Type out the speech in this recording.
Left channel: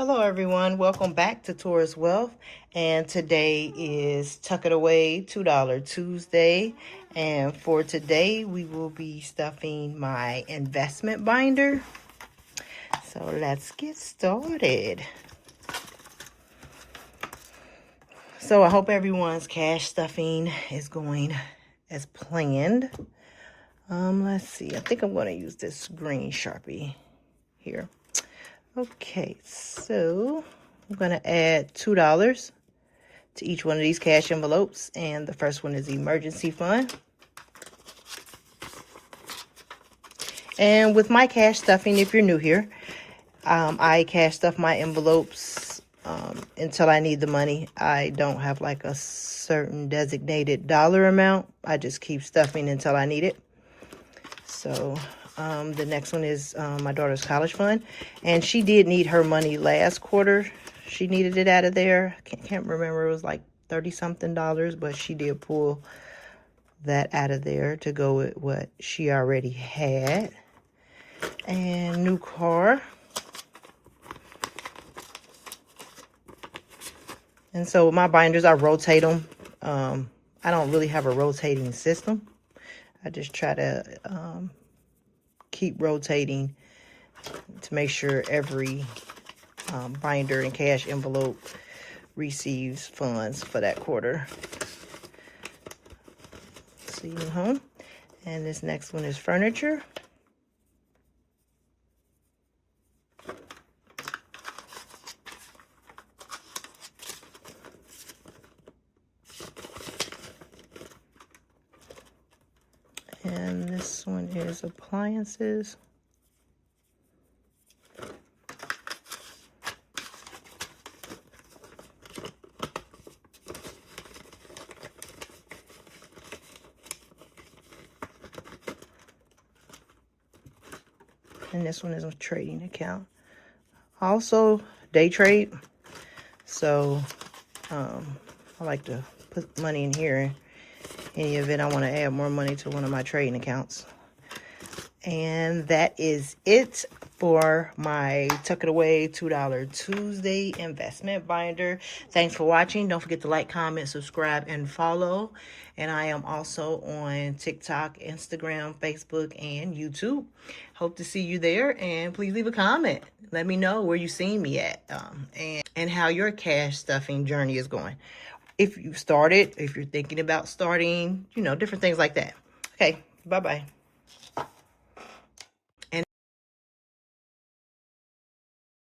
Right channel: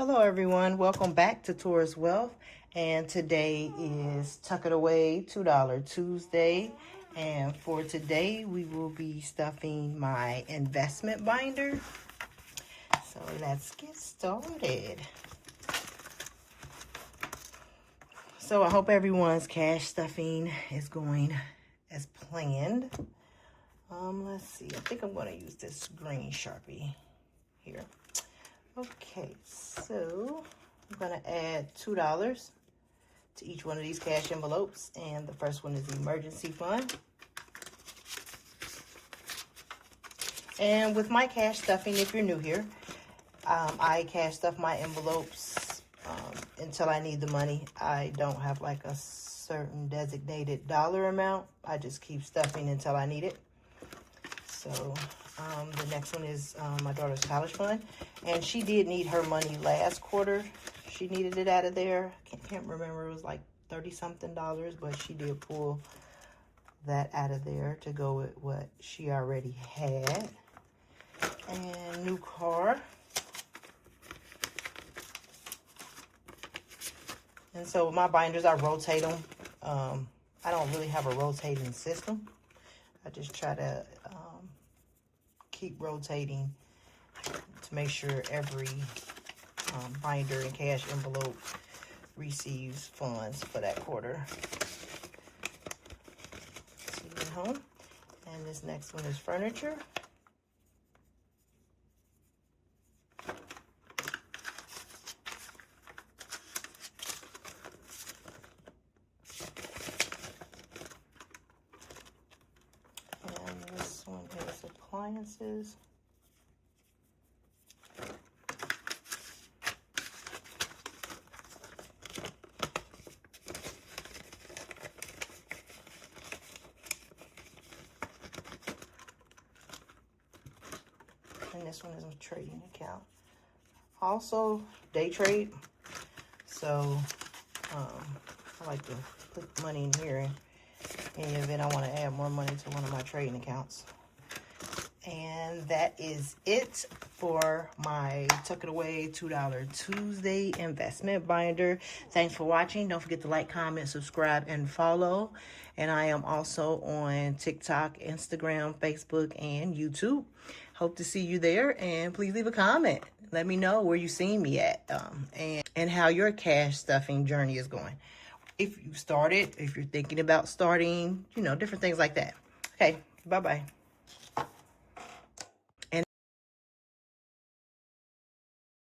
Hello everyone, welcome back to Taurus Wealth, and today is Tuck It Away $2 Tuesday, and for today we will be stuffing my investment binder. So let's get started. So I hope everyone's cash stuffing is going as planned. Let's see, I think I'm going to use this green Sharpie here. Okay, so I'm going to add $2 to each one of these cash envelopes, and the first one is emergency fund. And with my cash stuffing, if you're new here, I cash stuff my envelopes until I need the money. I don't have like a certain designated dollar amount. I just keep stuffing until I need it. So the next one is my daughter's college fund, and she did need her money last quarter. She needed it out of there. Can't remember, it was like 30 something dollars, but she did pull that out of there to go with what she already had. And new car. And so my binders, I rotate them. I don't really have a rotating system. I just try to keep rotating to make sure every binder and cash envelope receives funds for that quarter. See you home. And this next one is furniture. And this one is appliances. And this one is a trading account. Also, day trade. So, I like to put money in here in the event I want to add more money to one of my trading accounts. And that is it for my Tuck It Away $2 Tuesday investment binder. Thanks for watching. Don't forget to like, comment, subscribe, and follow. And I am also on TikTok, Instagram, Facebook, and YouTube. Hope to see you there. And please leave a comment. Let me know where you seen me at and how your cash stuffing journey is going. If you started, if you're thinking about starting, different things like that. Okay, bye-bye.